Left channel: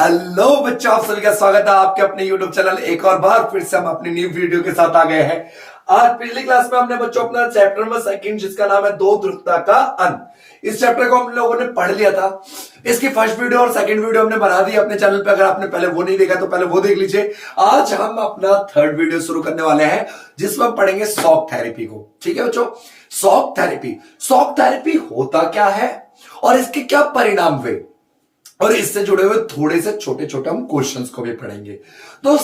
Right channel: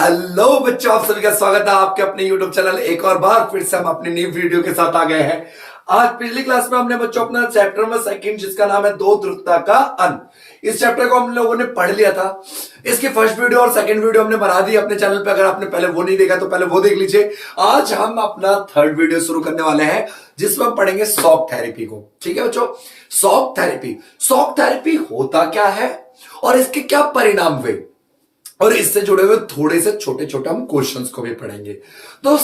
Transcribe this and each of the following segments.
Hello बच्चों, आप सभी का स्वागत है आपके अपने YouTube चैनल। एक और बार फिर से हम अपनी न्यू वीडियो के साथ आ गए हैं। आज पिछली क्लास में हमने बच्चों अपना चैप्टर नंबर सेकंड, जिसका नाम है दो ध्रुवता का अंत, इस चैप्टर को हम लोगों ने पढ़ लिया था। इसकी फर्स्ट वीडियो और सेकंड वीडियो हमने बना दी अपने चैनल पे। अगर आपने पहले वो नहीं देखा तो पहले वो देख लीजिए। आज हम अपना थर्ड वीडियो शुरू करने वाले हैं, जिसमें हम पढ़ेंगे शॉक थेरेपी को। ठीक है बच्चों, शॉक थेरेपी होता क्या है और इसके क्या परिणाम हुए, और इससे जुड़े हुए थोड़े से छोटे छोटे हम क्वेश्चंस को भी पढ़ेंगे। तो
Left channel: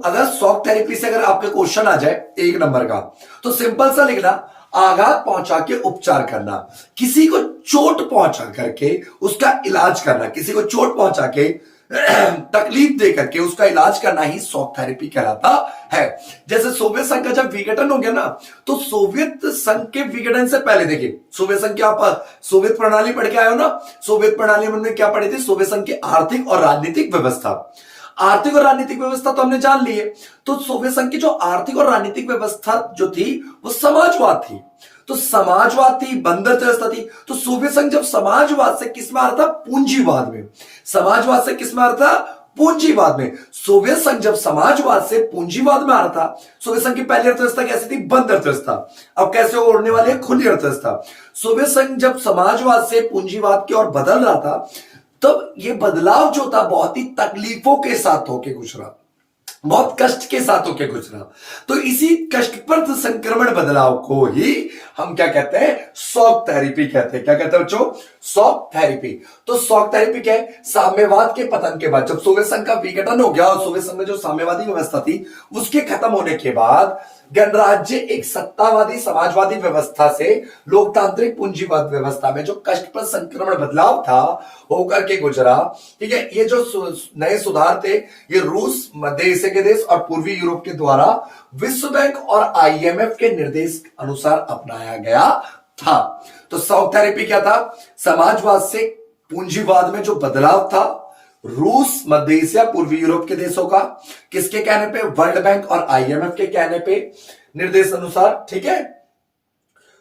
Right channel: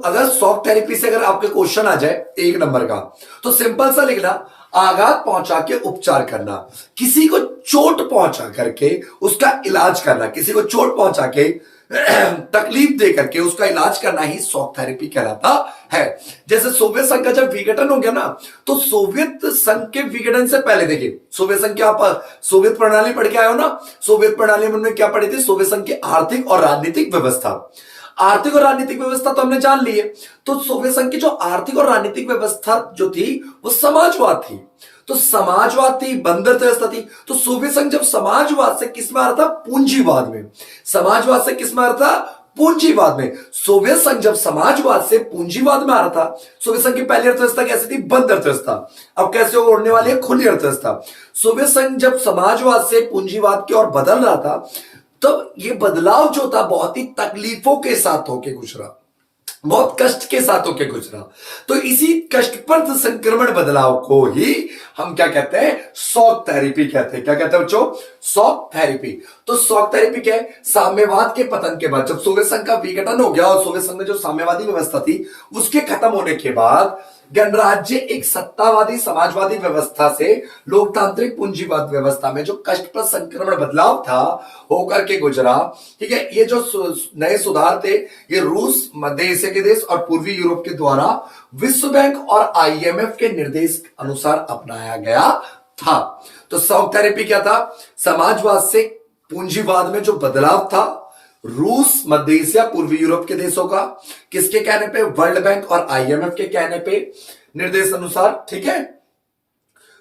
अगर शॉक थेरेपी से अगर आपके क्वेश्चन आ जाए एक नंबर का, तो सिंपल सा लिखना, आघात पहुंचा के उपचार करना, किसी को चोट पहुंचा करके उसका इलाज करना, किसी को चोट पहुंचा के तकलीफ दे करके उसका इलाज करना ही शॉक थेरेपी कहलाता है। जैसे सोवियत संघ का जब विघटन हो गया ना, तो सोवियत संघ के विघटन से पहले देखिए, सोवियत संघ की आप सोवियत प्रणाली पढ़ के आए हो ना। सोवियत प्रणाली में हमने क्या पढ़ी थी? सोवियत संघ की आर्थिक और राजनीतिक व्यवस्था। आर्थिक और राजनीतिक व्यवस्था तो हमने जान ली है। तो सोवियत संघ की जो आर्थिक और राजनीतिक व्यवस्था जो थी वो समाजवाद थी। तो समाजवाद थी, बंदर व्यवस्था थी। तो सोवियत संघ जब समाजवाद से किस में आ रहा था? पूंजीवाद में। समाजवाद से किस में आ रहा था? पूंजीवाद में। सोवियत संघ जब समाजवाद से पूंजीवाद में आ रहा था, सोवियत संघ की पहली अर्थव्यवस्था कैसी थी? बंद अर्थव्यवस्था। अब कैसे ओढ़ने वाली है? खुली अर्थव्यवस्था। सोवियत संघ जब समाजवाद से पूंजीवाद की ओर बदल रहा था, तब ये बदलाव जो था बहुत ही तकलीफों के साथ होके गुजरा, बहुत कष्ट के साथ होके गुजरा। तो इसी कष्टप्रद संक्रमण बदलाव को ही हम क्या कहते हैं? शॉक थेरेपी कहते हैं। क्या कहते हैं बच्चों? Shock therapy. तो शॉक थेरेपी क्या है? साम्यवाद के पतन के बाद, जब सोवियत संघ का विघटन हो गया और सोवियत संघ में जो साम्यवादी व्यवस्था थी उसके खत्म होने के बाद गणराज्य एक सत्तावादी समाजवादी व्यवस्था से लोकतांत्रिक पूंजीवाद व्यवस्था में जो कष्टप्रद संक्रमण बदलाव था होकर के गुजरा। ठीक है, ये जो नए सुधार थे ये रूस, मध्य एशिया के देश और पूर्वी यूरोप के द्वारा विश्व बैंक और IMF के निर्देश अनुसार अपनाया गया था। तो शॉक थेरेपी क्या था? समाजवाद से पूंजीवाद में जो बदलाव था, रूस, मध्य एशिया, पूर्वी यूरोप के देशों का, किसके कहने पे? वर्ल्ड बैंक और IMF के कहने पे, निर्देश अनुसार। ठीक है,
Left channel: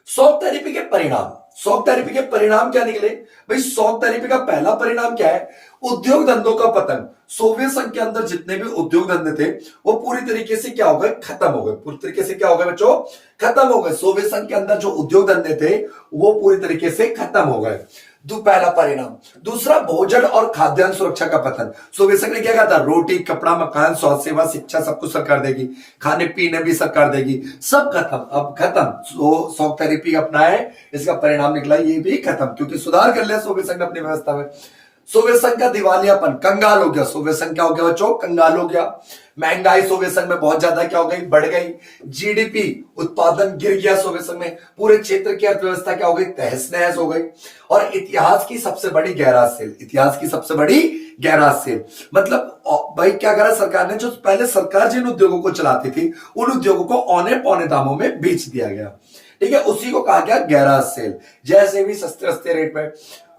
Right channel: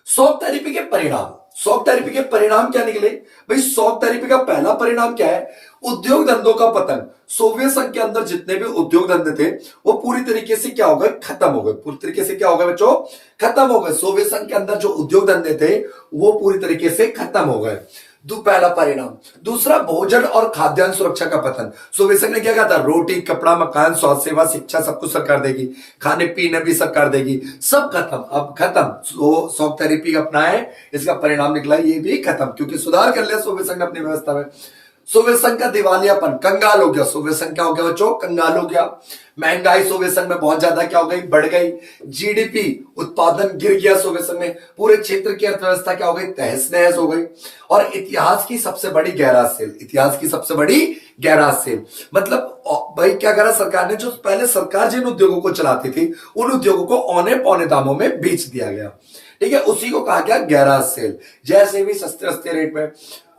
शॉक थेरेपी के परिणाम, शॉक थेरेपी के परिणाम क्या निकले भाई? शॉक थेरेपी का पहला परिणाम क्या है? उद्योग धंधों का पतन। सोवियत संघ के अंदर जितने भी उद्योग धंधे थे वो पूरी तरीके से क्या हो गए? खत्म हो गए। पूरी तरीके से क्या हो गए बच्चों? खत्म हो गए। सोवियत संघ के अंदर जो उद्योग धंधे थे वो पूरी तरीके से खत्म हो गए। पहला परिणाम। दूसरा, भोजन और खाद्यान्न सुरक्षा का पतन। सोवियत संघ ने क्या कहा था? रोटी, कपड़ा, मकान, स्वास्थ्य सेवा, शिक्षा सब कुछ सरकार देगी, खाने पीने भी सरकार देगी, सब खत्म। अब खत्म। शॉक थेरेपी अपना है, इसका परिणाम निकला ये भी खत्म, क्योंकि सुधार कर लिया सोवियत संघ ने अपनी व्यवस्था में। सोवियत संघ का दिवालियापन, कंगाल हो गया। सोवियत संघ क्या हो गया बच्चों? कंगाल हो गया। महंगाई सोवियत संघ में बहुत ज्यादा क्या हो गई? बढ़ गई। जीडीपी उत्पादन गिर गया सोवियत संघ में। पूरे क्षेत्र की अर्थव्यवस्था क्या हो गई? तहस नहस हो गई। और इतिहास की सबसे बड़ी गैराज सेल, इतिहास की सबसे बड़ी गैराज सेल, मतलब भाई क्या करा सरकार ने? जो पहले सरकार जिन उद्योगों को चलाती थी उन उद्योगों को औने पौने दामों में बेच दिया गया। ठीक है, उसी को कहा गया गैराज सेल। जैसे भी सस्ते सस्ते रेट में।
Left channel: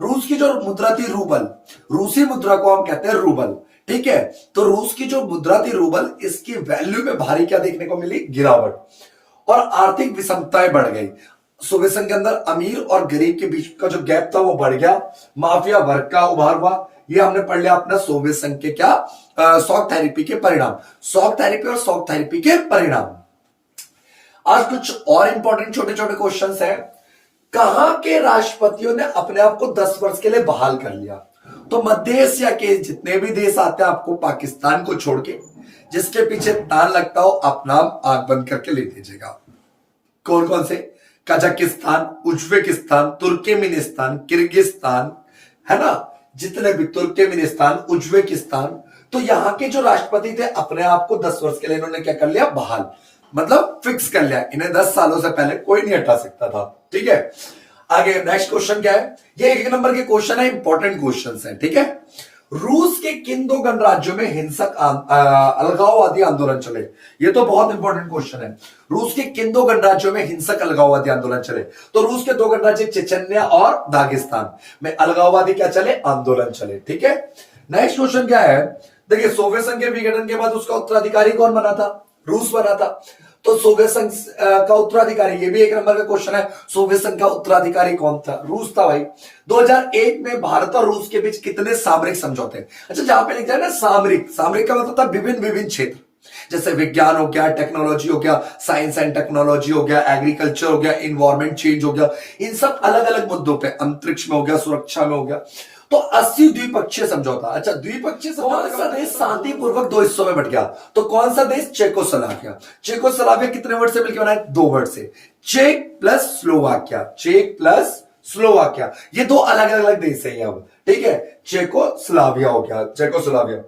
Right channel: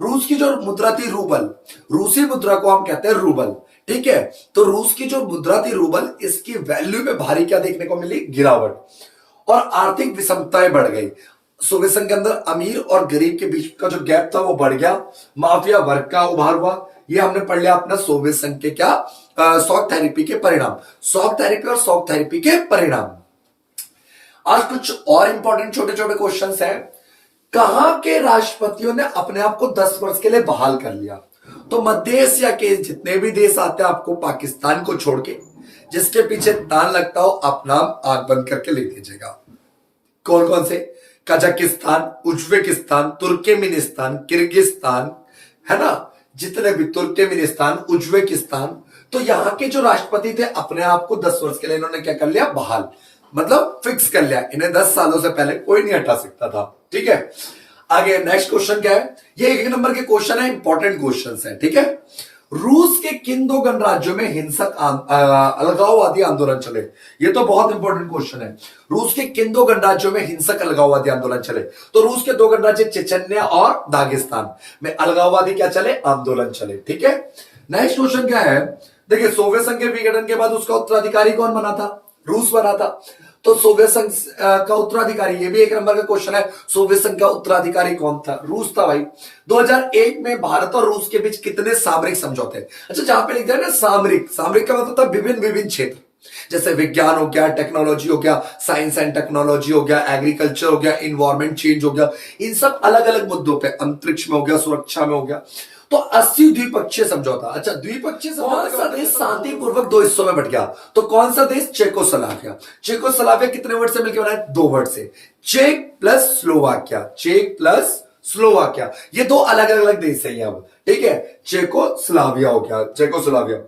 रूस की जो मुद्रा थी रूबल, रूसी मुद्रा को हम कहते हैं रूबल। ठीक है, तो रूस की जो मुद्रा थी रूबल, इसकी वैल्यू में भारी क्या देखने को मिली? गिरावट। और आर्थिक विषमताएं बढ़ गई। सोवियत संघ के अंदर अमीर और गरीब के बीच का जो गैप था वो बढ़ गया। माफिया वर्ग का उभार हुआ। ये हमने पढ़ लिया अपना सोवियत संघ के क्या? शॉक थेरेपी के परिणाम। शॉक थेरेपी और शॉक थेरेपी के परिणाम। आज कुछ और इंपॉर्टेंट छोटे छोटे क्वेश्चंस हैं। कहां के राष्ट्रपतियों ने अपने आप को 10 वर्ष के लिए बहाल कर लिया? तो मध्य एशिया के जितने भी देश आते हैं, आपको पाकिस्तान को छोड़ के, जिसके पीछे तान लगता हो आप नाम आंख बंद करके ले लीजिएगा। कौन कौन से? कजाकिस्तान, उज्बेकिस्तान, तुर्कमेनिस्तान, किर्गिस्तान, है ना, जितने भी तुर्कमेनिस्तान, उज्बेकिस्तान। तो यहां के जो राष्ट्रपति थे अपने आप को 10 वर्ष के लिए इन्होंने क्या कर लिया? बहाल, मतलब फिक्स कर लिया। इन्हें 10 सालों से पहले कोई नहीं हटा सकता था। ठीक है, आगे नेक्स्ट क्वेश्चन क्या है? ये एक नंबर के क्वेश्चन है, इंपॉर्टेंट क्वेश्चन है। ठीक है, रूस के किन दो गणराज्यों में हिंसक अलगाववादी आंदोलन चले? ये तो बहुत इंपॉर्टेंट क्वेश्चन है। रूस के किन दो गणराज्यों में हिंसक अलगाववादी आंदोलन चले? तो रूस के दो गणराज्य चेचन्या और दागिस्तान में अलगाववादी क्या चले? आंदोलन चले। ठीक है, नेक्स्ट क्वेश्चन क्या है? देखिए, सोवियत संघ के विघटन के बाद उसका उत्तराधिकारी कौन बना था? रूस बना था। तो सोवियत संघ का उत्तराधिकारी, ये भी एक नंबर का क्वेश्चन है, सोवियत संघ का उत्तराधिकारी कौन था? रूस था भाई। 2001 में भारत और रूस के बीच कितने सामरिक समझौते? अच्छा, जहां पे लिखा है ना सामरिक, सामरिक का मतलब था विभिन्न विभिन्न क्षेत्र, जैसे विज्ञान हो गया, टेक्नोलॉजी हो गया, साइंस एंड टेक्नोलॉजी हो गया, एग्रीकल्चर हो गया, इन्वायरमेंट चेंज हो गया, इन सब अलग अलग मुद्दों पे, अंतरिक्ष में हो गया, सुरक्षा में हो गया। तो 80 द्विपक्षीय समझौता। अच्छा, द्विपक्षीय समझौता कौन सा देश शांतिपूर्वक दो हिस्सों में बट गया? तो कौन सा देश? चेकोस्लोवाकिया। चेकोस्लोवाकिया कितने वर्ड से मिलकर बना है? 2 वर्ड से, check plus Slovakia, check plus Slovakia, ये 2 अलग अलग देश है अब, ठीक है। चेकोस्लोवाकिया हो गया, चेकोस्लोवाकिया।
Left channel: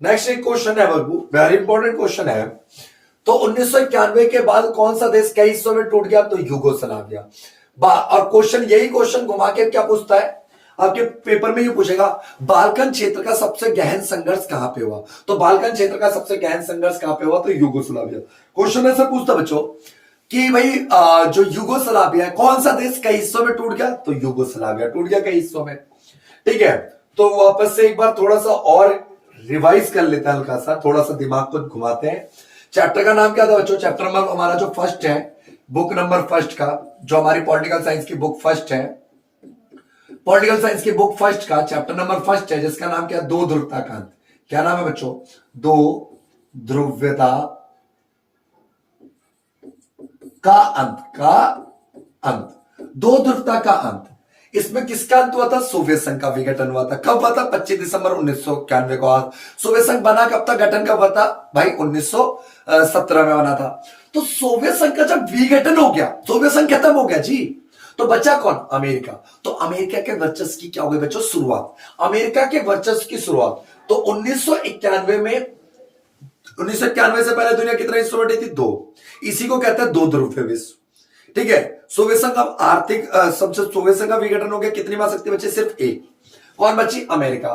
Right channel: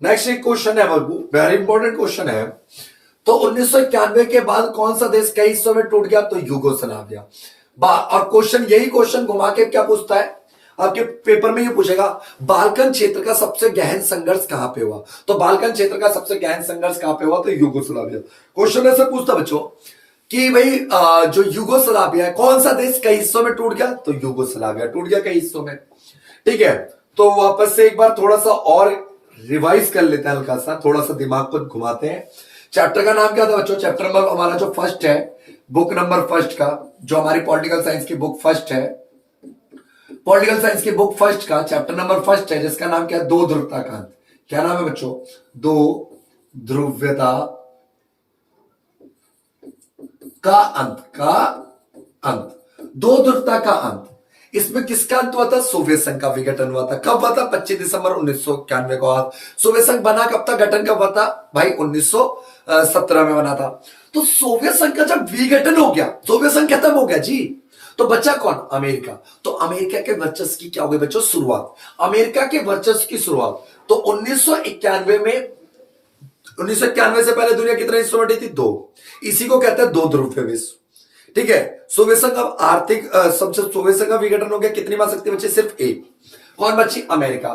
नेक्स्ट एक क्वेश्चन है बाबू, वेरी इंपॉर्टेंट क्वेश्चन है। तो 1991 के बाद कौन सा देश कई हिस्सों में टूट गया? तो यूगोस्लाविया। और क्वेश्चन, यही क्वेश्चन घुमा के क्या पूछता है आपके पेपर में? ये पूछेगा बाल्कन क्षेत्र का सबसे गहन संघर्ष कहां पे हुआ? तो बाल्कन क्षेत्र का सबसे गहन संघर्ष कहां पे हुआ? तो यूगोस्लाविया। क्वेश्चन ऐसे पूछता बच्चों कि भाई जो यूगोस्लाविया है, कौन सा देश कई हिस्सों में टूट गया? तो यूगोस्लाविया टूट गया कई हिस्सों में, ठीक है। तो वापस से एक बार थोड़ा सा और रिवाइज कर लेते हैं, हल्का सा थोड़ा सा दिमाग को घुमाते हैं। चैप्टर का नाम क्या था बच्चों? चैप्टर नंबर हमारा जो फर्स्ट है, बुक नंबर फर्स्ट का, जो हमारी पॉलिटिकल साइंस की बुक फर्स्ट है, पॉलिटिकल साइंस की बुक फर्स्ट का चैप्टर नंबर फर्स्ट है, जिसका नाम क्या है? दो ध्रुवता का अंत। क्या नाम है बच्चों? दो ध्रुवता का अंत, का अंत, दो ध्रुवता का अंत। इसमें किसका अंत हुआ था? सोवियत संघ का विघटन हुआ था। कब हुआ था? 25 दिसंबर 1991 को। आज सोवियत संघ बना कब था? गठन कब हुआ था भाई? 1917 में बना था। तो सोवियत संघ का जब विघटन हो गया, सोवियत संघ खत्म हो गया जी, तो बचा कौन? अमेरिका। तो अमेरिका के वर्चस्व की क्या हो गई बच्चों? शुरुआत। अमेरिका के वर्चस्व की शुरुआत तो 1991 में, 1991 से पहले दुनिया कितने हिस्सों में थी? 2। इसी को कहते हैं दो ध्रुवीय विश्व, ठीक है। सोवियत संघ का आर्थिक सबसे, सोवियत संघ का विघटन हो गया, कितनी महाशक्ति बची? सिर्फ एक। कौन बची? अमेरिका,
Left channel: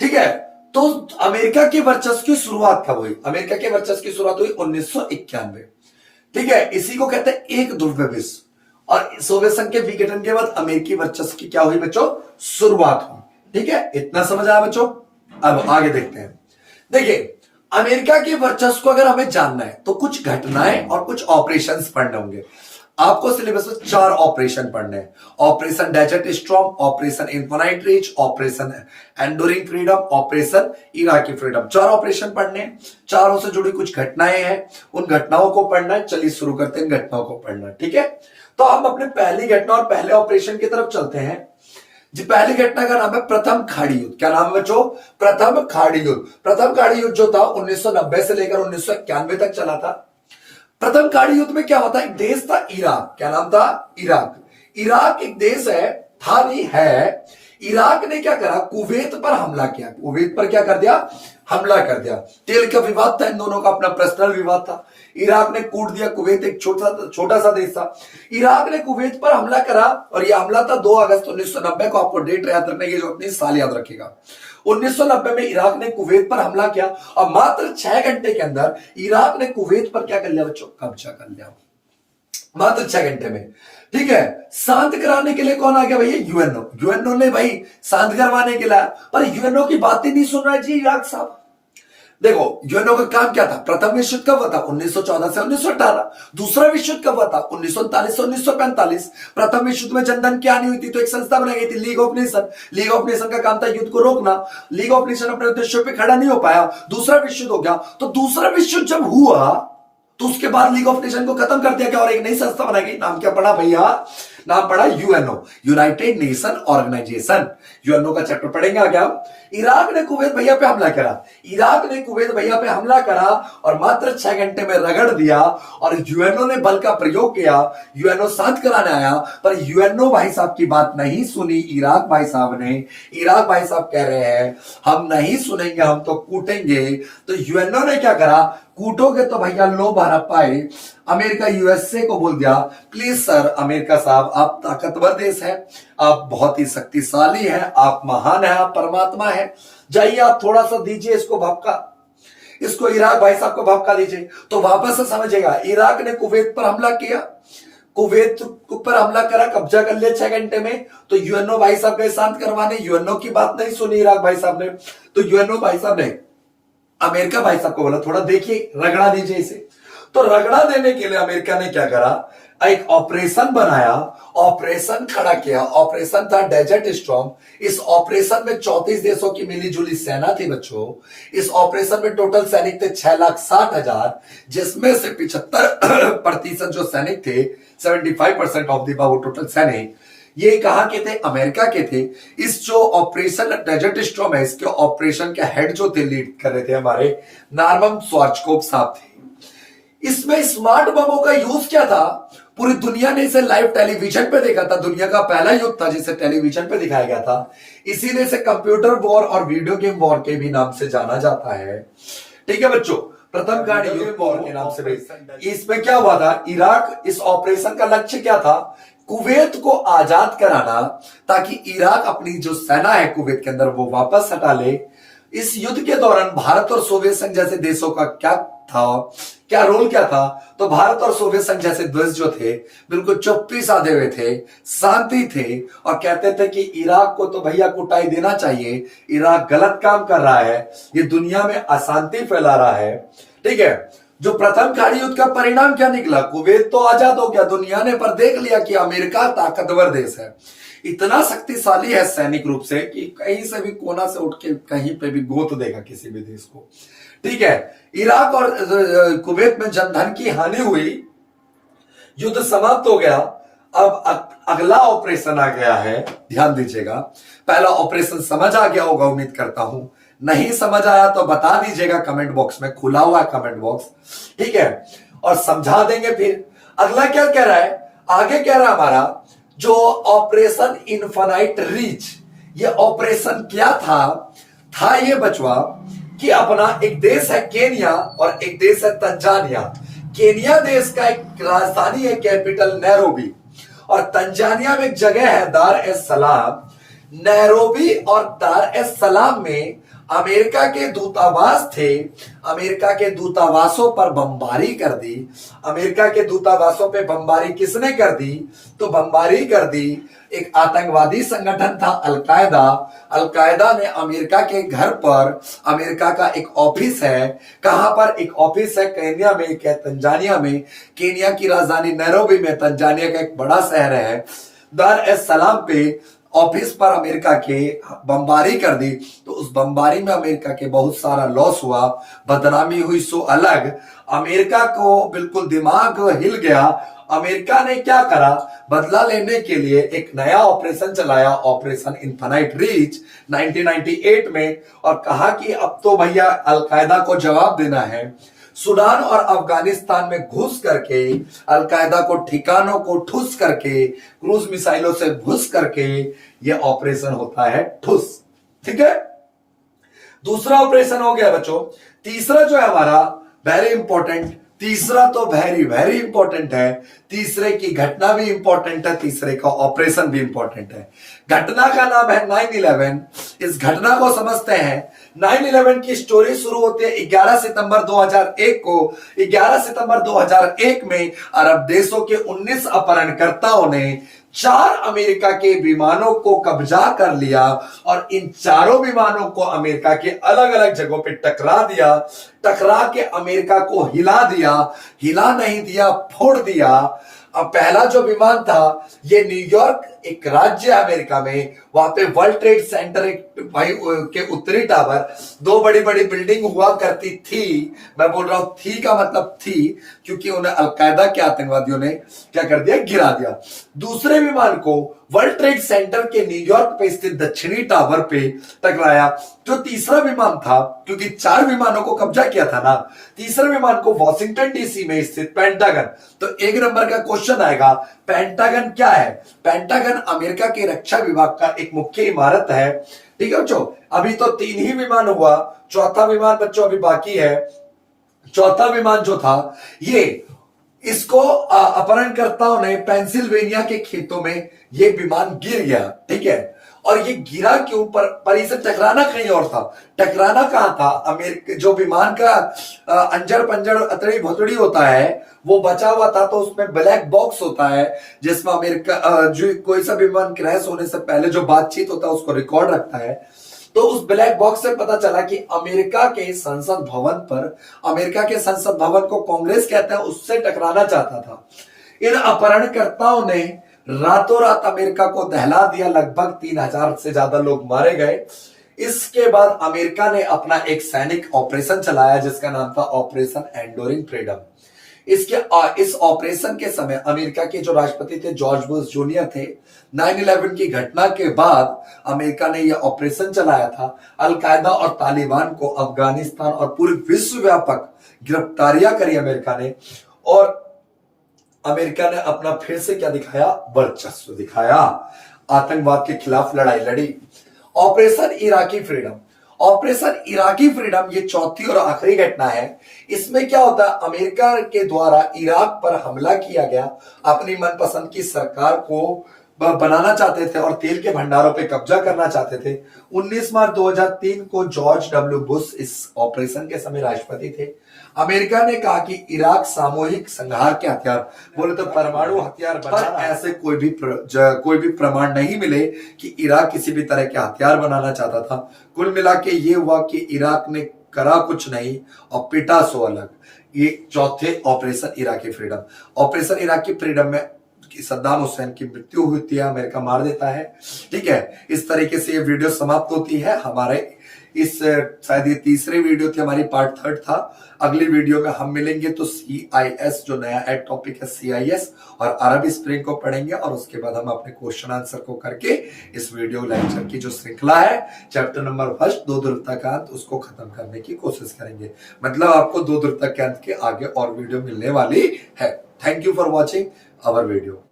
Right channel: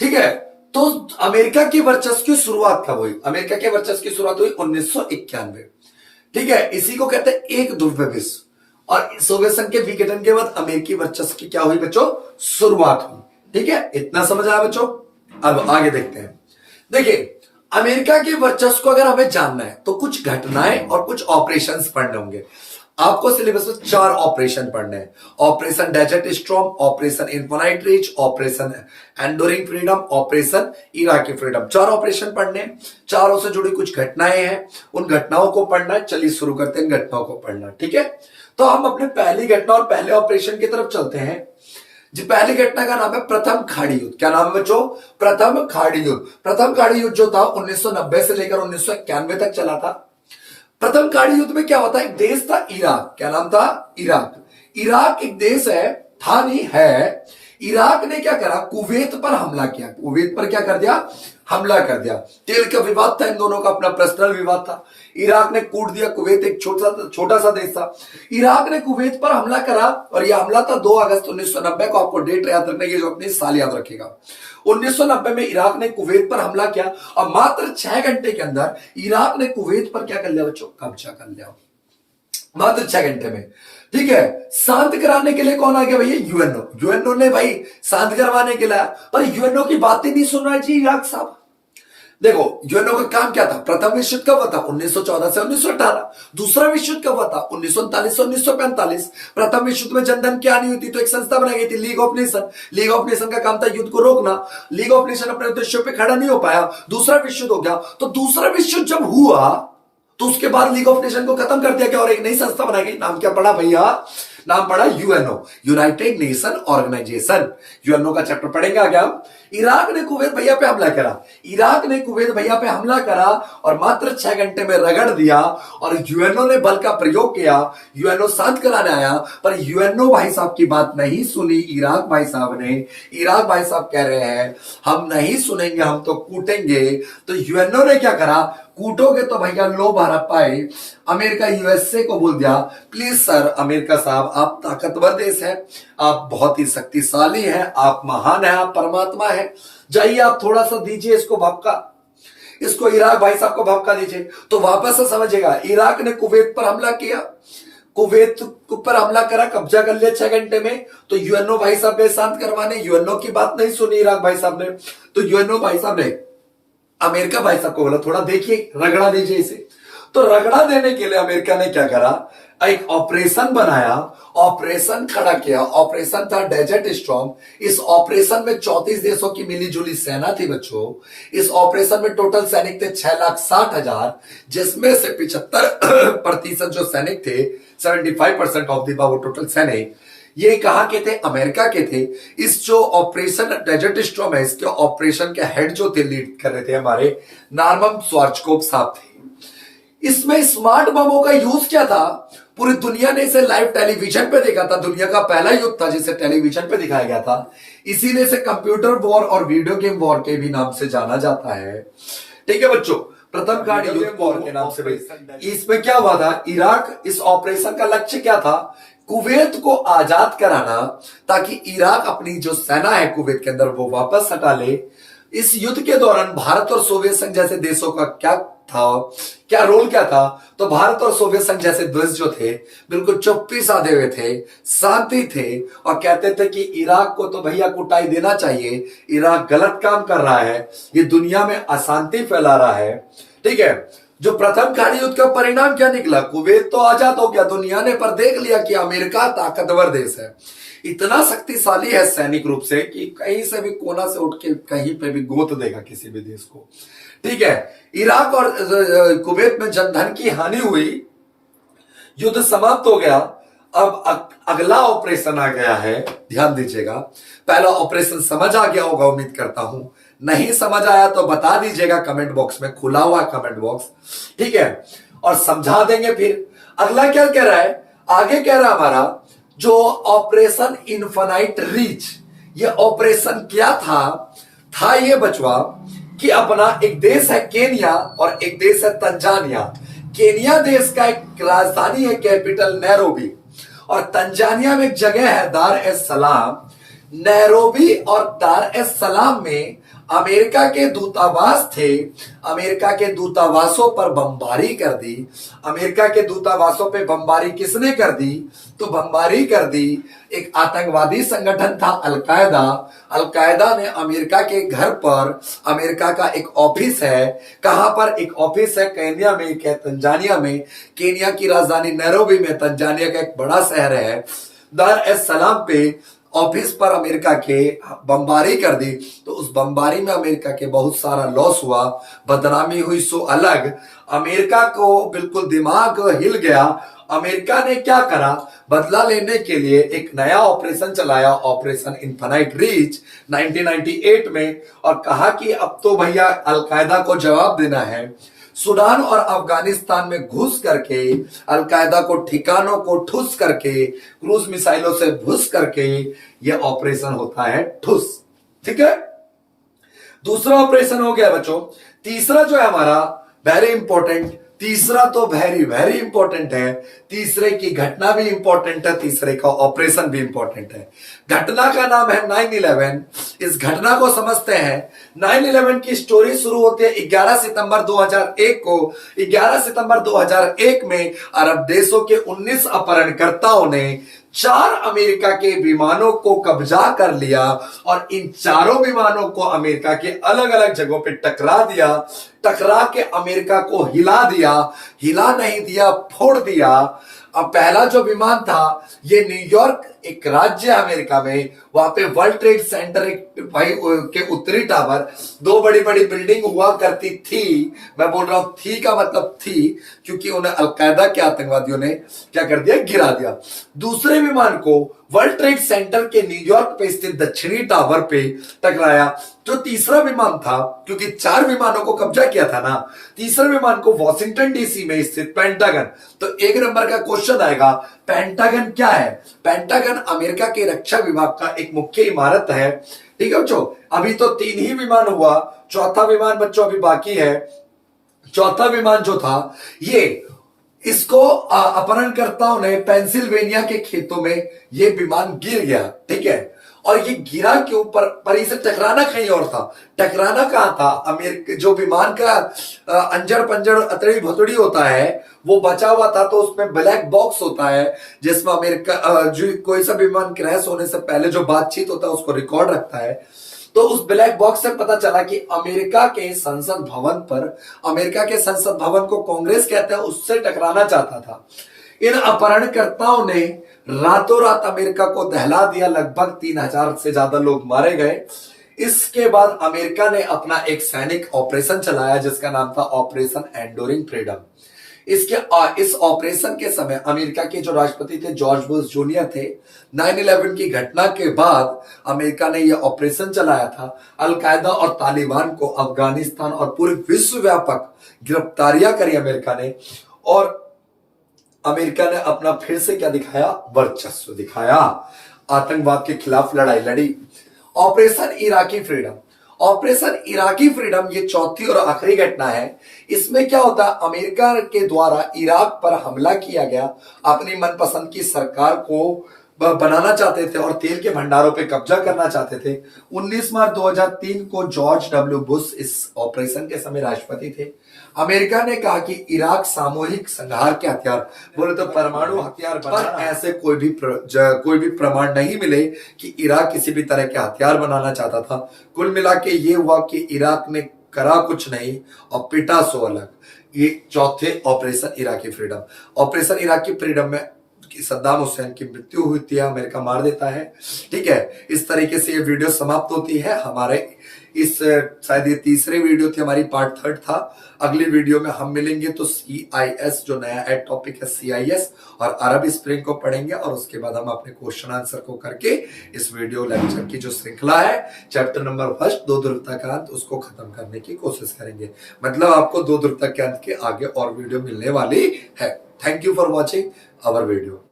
ठीक है। तो अमेरिका की वर्चस्व की शुरुआत कब हुई? अमेरिका के वर्चस्व की शुरुआत हुई 1991, ठीक है। इसी को कहते हैं एक ध्रुवीय विश्व। और सोवियत संघ के विघटन के बाद अमेरिकी वर्चस्व की क्या हुई बच्चों? शुरुआत हुई, ठीक है। इतना समझ आया बच्चों? अब आगे देखते हैं। देखिए, अमेरिका के वर्चस्व को अगर हमें जानना है तो कुछ घटनाएं और कुछ ऑपरेशंस पढ़ने होंगे। आपको सिलेबस में 4 ऑपरेशन पढ़ने हैं। Operation desert storm, operation infinite reach, operation enduring freedom, operation Iraqi freedom. 4 operation पढ़ने हैं, चारों से जुड़ी कुछ घटनाएं हैं, उन घटनाओं को पढ़ना है। चलिए शुरू करते हैं घटनाओं को पढ़ना, ठीक है। तो हम अपने पहली घटना और पहले ऑपरेशन की तरफ चलते हैं जी। पहली घटना का नाम है प्रथम खाड़ी युद्ध। क्या नाम है बच्चों? प्रथम खाड़ी युद्ध। प्रथम खाड़ी युद्ध जो था 1990 से लेकर 1991 तक चला था। प्रथम खाड़ी युद्ध में क्या होता है? एक देश था इराक। क्या नाम था? इराक। इराक एक देश है, था नहीं है। इराक ने क्या करा? कुवैत पर हमला किया। कुवैत पर क्या कर दिया? हमला कर दिया। तेल का विवाद था, इन दोनों का अपना पर्सनल विवाद था। इराक ने कूट दिया कुवैत, एक छोटा सा देश था। इराक ने कुवैत पर हमला करा और यह हमला था 2 अगस्त 1990 को। आपको डेट याद रखने की, जो अपनी साल याद रखेगा। 1990 में इराक ने कुवैत पर हमला किया और मात्र 6 घंटे के अंदर इराक ने कुवैत पर क्या कर लिया बच्चों? कब्जा कर लिया, मात्र 6 घंटे में, ठीक है। शांत कराने के लिए कौन आ गया भैया? यूएनओ। यूएनओ ने भाई शांत करवाने के लिए, पर यूएनओ की बात ही नहीं सुन रहा है जी इराक साहब। देखो, यूएनओ का काम क्या था? प्रथम विश्व युद्ध कब हुआ था? 1914 से 1918। दूसरा विश्व युद्ध कब हुआ था? 1939 से 1945। प्रथम विश्व युद्ध में जनधन क्या नहीं हुई थी, तो एक संस्था बनाई गई थी, league of nation. League of nation का काम था युद्ध को रोकना। लीग ऑफ नेशन अपने उद्देश्यों पे खड़ा नहीं हो पाया, दूसरा विश्व युद्ध हो गया। तो दूसरा विश्व युद्ध जब हुआ तो उसके बाद लीग ऑफ नेशन को खत्म कर दिया गया और एक नई संस्था बनाई गई। नाम क्या पड़ा भैया? नाम पड़ा UNO, United Nation Organisation. UNO का चैप्टर पढ़ेंगे आगे हम। इराक ने कुवैत भैया पे हमला करा। इराक ने कुवैत भैया पे हमला करा और मात्र 6 घंटे में रगड़ दिया और यूएनओ ने बल का प्रयोग किया। यूएनओ शांत कराने आया, पर यूएनओ भाई साहब की बात नहीं सुनी इराक भाई साहब ने। इराक भाई साहब कह रहे हैं हम नहीं सुनेंगे, हम तो कूटेंगे। तो यूएनओ ने क्या करा? कूटोगे तो भैया लो भारत पाए। अमेरिका यूएसए को बोल दिया, प्लीज सर अमेरिका साहब, आप ताकतवर देश है, आप बहुत ही शक्तिशाली हैं, आप महान हैं, आप परमात्मा हैं, जाइए आप थोड़ा सा दीजिए इसको भपका, इसको इराक भाई साहब को भपका दीजिए। तो वापस से समझेगा, इराक ने कुवैत पर हमला किया, कुवैत पर हमला करा, कब्जा कर लिया 6 घंटे में। तो यूएनओ भाई साहब के शांत करवाने, यूएनओ की बात नहीं सुनी इराक भाई साहब ने। तो यूएनओ भाई साहब ने अमेरिका भाई साहब को बोला थोड़ा देखिए, रगड़ा दीजिए इसे। तो रगड़ा देने के लिए अमेरिका ने क्या करा, एक ऑपरेशन बनाया, ऑपरेशन खड़ा किया। ऑपरेशन था डेजर्ट स्टॉर्म। इस ऑपरेशन में 34 देशों की मिलीजुली सेना थी बच्चों। इस ऑपरेशन में टोटल सैनिक थे 6,60,000, जिसमें से 75% जो सैनिक थे, 75% ऑफ द वो टोटल सैनिक, ये कहां के थे, अमेरिका के थे। इस जो ऑपरेशन डेजर्ट स्टॉर्म है, इसके ऑपरेशन के हेड जो थे, लीड कर रहे थे हमारे नॉर्मन श्वार्ज़कोप साहब थे। इसमें स्मार्ट बमों का यूज क्या था, पूरी दुनिया ने इसे लाइव टेलीविजन पे देखा था। दुनिया का पहला युद्ध था जिसे टेलीविजन पे दिखाया गया था। इसीलिए इसे कंप्यूटर वॉर और वीडियो गेम वॉर के भी नाम से जाना जाता है। ठीक है बच्चों, प्रथम कार्ड युद्ध वॉर के नाम से। इसमें क्या हुआ था, इराक, इस ऑपरेशन का लक्ष्य क्या था, कुवैत को आजाद कराना, ताकि इराक अपनी जो सेना है कुवैत के अंदर वो वापस हटा ले। इस युद्ध के दौरान भारत और सोवियत संघ जैसे देशों का क्या था, क्या रोल क्या था, तो भारत और सोवियत संघ जैसे देश जो थे बिल्कुल चुप्पी साधे हुए थे, शांति थे, और कहते थे कि इराक को तो भैया कुटाई देना चाहिए, इराक गलत काम कर रहा है, ये दुनिया में अशांति फैला रहा है। ठीक है, जो प्रथम खाड़ी युद्ध का परिणाम क्या निकला, कुवैत तो आजाद हो गया, दुनिया ने पर देख लिया कि अमेरिका ताकतवर देश है, इतना शक्तिशाली है सैनिक रूप से कि कहीं से भी कोना से उठ के कहीं पे भी गोत देगा किसी भी देश को। ठीक है, इराक और कुवैत में जनधन की हानि हुई, युद्ध समाप्त हो गया। अब अगला ऑपरेशन आ गया है, ध्यान दीजिएगा। पहला ऑपरेशन समझ आ गया होगा उम्मीद करता हूं, नहीं समझ आया तो बता दीजिएगा कमेंट बॉक्स में, खुला हुआ कमेंट बॉक्स। ठीक है, और समझा देंगे। फिर अगला क्या कह रहा है, आगे कह रहा है हमारा जो ऑपरेशन इनफाइनाइट रीच, ये ऑपरेशन क्या था ये बचवा कि अपना एक देश है केनिया और एक देश है तंजानिया। केनिया देश का एक राजधानी है कैपिटल नैरोबी, और तंजानिया में एक जगह है दार एस सलाम। नैरोबी और दार एस सलाम में अमेरिका के दूतावास थे। अमेरिका के दूतावासों पर बमबारी कर दी। अमेरिका के दूतावासों पे बमबारी किसने कर दी, तो बमबारी कर दी एक आतंकवादी संगठन था अलकायदा। अलकायदा ने अमेरिका के घर पर, अमेरिका का एक ऑफिस है, कहां पर, एक ऑफिस है केनिया में, क्या तंजानिया में, केनिया की राजधानी नैरोबी में, तंजानिया का एक बड़ा शहर है, दार एस सलाम पे ऑफिस पर अमेरिका के बमबारी कर दी। तो उस बमबारी में अमेरिका के बहुत सारा लॉस हुआ, बदनामी हुई, सो अलग। अमेरिका को बिल्कुल दिमाग हिल गया। अमेरिका ने क्या करा, बदला लेने के लिए एक नया ऑपरेशन चलाया, ऑपरेशन इनफाइनाइट रीच 1998 में, और कहा कि अब तो भैया अलकायदा को जवाब देना है। सूडान और अफगानिस्तान में घुस करके अलकायदा को ठिकानों को ठुस करके, क्रूज मिसाइलों से घुस करके यह ऑपरेशन होता है ठुस। ठीक है, दूसरा ऑपरेशन हो गया बच्चों। तीसरा जो है हमारा वेरी इंपॉर्टेंट, तीसरा तो वेरी वेरी इंपॉर्टेंट है। तीसरे की घटना भी इंपॉर्टेंट है, तीसरे का ऑपरेशन भी इंपॉर्टेंट है। घटना का नाम है 9/11। इस घटना को समझते हैं। 9/11 की स्टोरी शुरू होती है 11 सितंबर 2001 को। 11 सितंबर 2001 में अरब देशों के 19 अपहरणकर्ताओं ने 4 अमेरिका के विमानों को कब्जा कर लिया, और इन चारों विमानों को अमेरिका के अलग अलग जगहों पे टकरा दिया। टकरा के अमेरिका को हिला दिया, हिला नहीं दिया, फोड़ दिया। अब पहला जो विमान था ये न्यूयॉर्क, एक राज्य अमेरिका में, वहां पे वर्ल्ड ट्रेड सेंटर भाई के उत्तरी टावर, 2 बड़ी बड़ी बिल्डिंग हुआ करती थी। मैं बोल रहा हूं थी का मतलब थी, क्योंकि उन्हें अलकायदा के आतंकवादियों ने क्या कर दिया, गिरा दिया। दूसरे विमान को वर्ल्ड ट्रेड सेंटर के न्यूयॉर्क पे स्थित दक्षिणी टावर पे टकराया। जो तीसरा विमान था, क्योंकि 4 विमानों को कब्जा किया था ना, तीसरे विमान को वॉशिंगटन डीसी में स्थित पेंटागन। तो 1 नंबर का क्वेश्चन आएगा, पेंटागन क्या है? पेंटागन अमेरिका के रक्षा विभाग का एक मुख्य इमारत है। ठीक है बच्चों, अभी तो 3 ही विमान हुआ, चौथा विमान बच्चों अभी बाकी है। चौथा विमान जो था ये, इसको अपहरणकर्ताओं ने पेंसिल्वेनिया के खेतों में ये विमान गिर गया। ठीक है, और ये गिरा क्यों, पर इसे टकराना कहीं और था। टकराना कहां था, अमेरिका जो विमान का अंजड़ पंजड़ अतड़ी भतड़ी होता है वो बचा हुआ था। तो उसमें ब्लैक बॉक्स होता है जिसमें अमेरिका जो कोई सा विमान क्रैश होने से पहले जो बातचीत होता है उसको रिकॉर्ड रखता है। तो उस ब्लैक बॉक्स से पता चला कि अमेरिका के संसद भवन को कांग्रेस कहते हैं, उससे टकराना चाहता था। इन अपहरणकर्ताओं ने रातों रात अमेरिका को दहला दिया, लगभग 3000 से ज्यादा लोग मारे गए। इसके बाद अमेरिका ने अपना एक सैनिक ऑपरेशन चलाया जिसका नाम था ऑपरेशन एंडोरिंग फ्रीडम। इस ऑपरेशन के समय अमेरिका के जो राष्ट्रपति थे जॉर्ज बुश जूनियर थे। 9/11 की घटना के बाद अमेरिका ने यह ऑपरेशन चलाया था। अलकायदा और तालिबान को अफगानिस्तान और पूरे विश्व व्यापक गिरफ्तारियां करी अमेरिका ने, और अमेरिका ने अपना फिर से क्या दिखाया, वर्चस्व दिखाया, आतंकवाद के खिलाफ लड़ाई लड़ी। ऑपरेशन इराकी फ्रीडम ये चौथी और आखिरी घटना है। इसमें क्या होता, अमेरिका के द्वारा इराक पर हमला किया गया, अपनी मनपसंद की सरकार को बनाना चाहते थे और तेल के भंडारों पे कब्जा करना चाहते थे। 19 मार्च 2003 को जॉर्ज डब्ल्यू बुश इस ऑपरेशन के समय राष्ट्रपति थे। अमेरिका ने कहा कि इराक सामूहिक संहार के हथियार, बोले तो परमाणु हथियार बनाना, ऐसे कोई भी प्रमाण नहीं मिले कि इराक किसी भी तरह के हथियार बनाना चाहता था। कुल मिला के ये हुआ कि इराक ने करा कुछ नहीं और पिटा सो अलग। ये चौथे ऑपरेशन इराकी फ्रीडम में सद्दाम हुसैन की मृत्यु हुई थी, अमेरिका मार देता है। ठीक है, इस तरीके से ये वीडियो समाप्त होती है। हमारे इस शायद ये तीसरे वीडियो थी, हमारी पार्ट 3 था। अगली वीडियो में हम मिलेंगे तो CIS जो नया एड टॉपिक है CIS और अरब स्प्रिंग को पढ़ेंगे, और उसके बाद हम अपने क्वेश्चन आंसर को करके इस वीडियो लेक्चर की जो श्रृंखला है चैप्टर नंबर 1 दो ध्रुवता का अंत, उसको खत्म करने की कोशिश करेंगे। मतलब आपको दो ध्रुवता के अंत के आगे और वीडियो मिलने वाली है। Thank you for watching our video.